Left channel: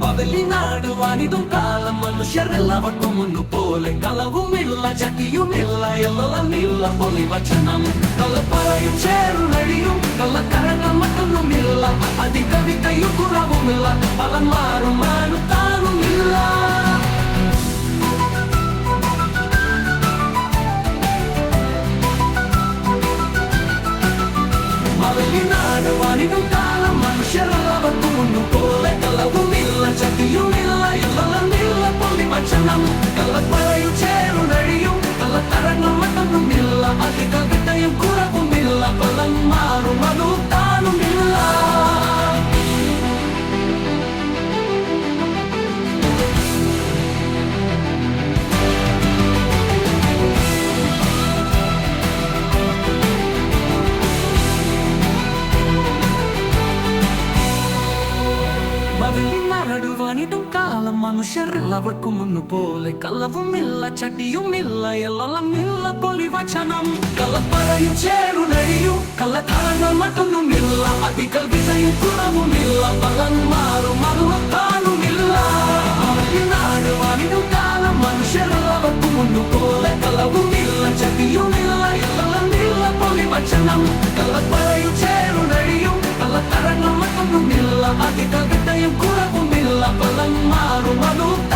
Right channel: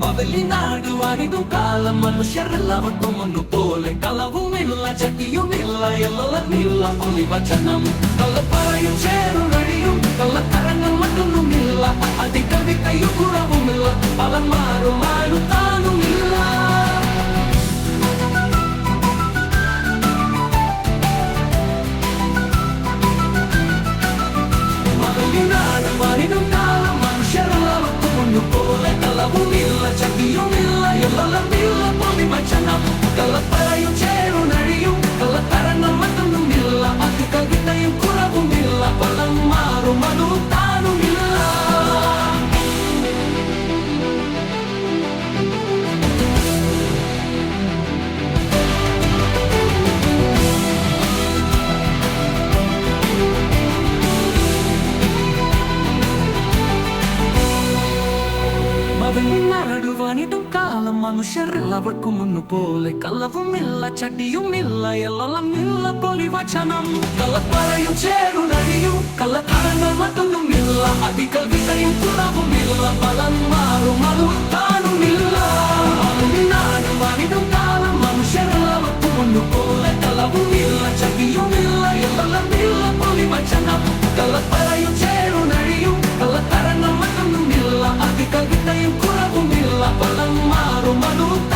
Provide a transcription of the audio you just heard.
മവലിനാടുവാനിതും കാലം മനുഷ്യരെല്ലാവർക്കും ഒന്നുപോലെ കളവുമില്ല ചക്കിയുമില്ല എല്ലമില്ല പൊലിവചനം കള്ളപ്പറയും ചേരുനഴിയും കള്ളക്കരങ്ങൾ മറ്റൊന്നുമില്ല അതികവിതയും കുറവുമില്ല പലൻ മാറും മാനുത്താനുമില്ല മവലിനാടുവാനിതും കാലം മനുഷ്യരെല്ലാവർക്കും ഒന്നുപോലെ കളവുമില്ല ചക്കിയുമില്ല എല്ലമില്ല പൊലിവചനം കള്ളപ്പറയും ചേരുനഴിയും കള്ളത്തരങ്ങൾ മറ്റൊന്നുമില്ല അതികവിതയും കുറവുമില്ല പലൻ മാറും മാനുത്താനുമില്ല മവലിനാടുവാനിതും കാലം മനുഷ്യരെല്ലാവർക്കും ഒന്നുപോലെ കളവുമില്ല ചട്ടിയുമില്ല എല്ലമില്ല പൊലിവചനം കള്ളപ്പറയും ചേരുനഴിയും കള്ളത്തരങ്ങൾ മറ്റൊന്നുമില്ല അതികവിതയും കുറവുമില്ല പലൻ മാറും മാനുത്താനുമില്ല മവലിനാടുവാനിതും കാലം മനുഷ്യരെല്ലാവർക്കും ഒന്നുപോലെ കളവുമില്ല ചട്ടിയുമില്ല എല്ലമില്ല പൊലിവചനം കള്ളപ്പറയും ചേരുനഴിയും കള്ളത്തരങ്ങൾ മറ്റൊന്നുമില്ല അതികവിതയും കുറവുമില്ല പലൻ മാറും മാനുത്താനുമില്ല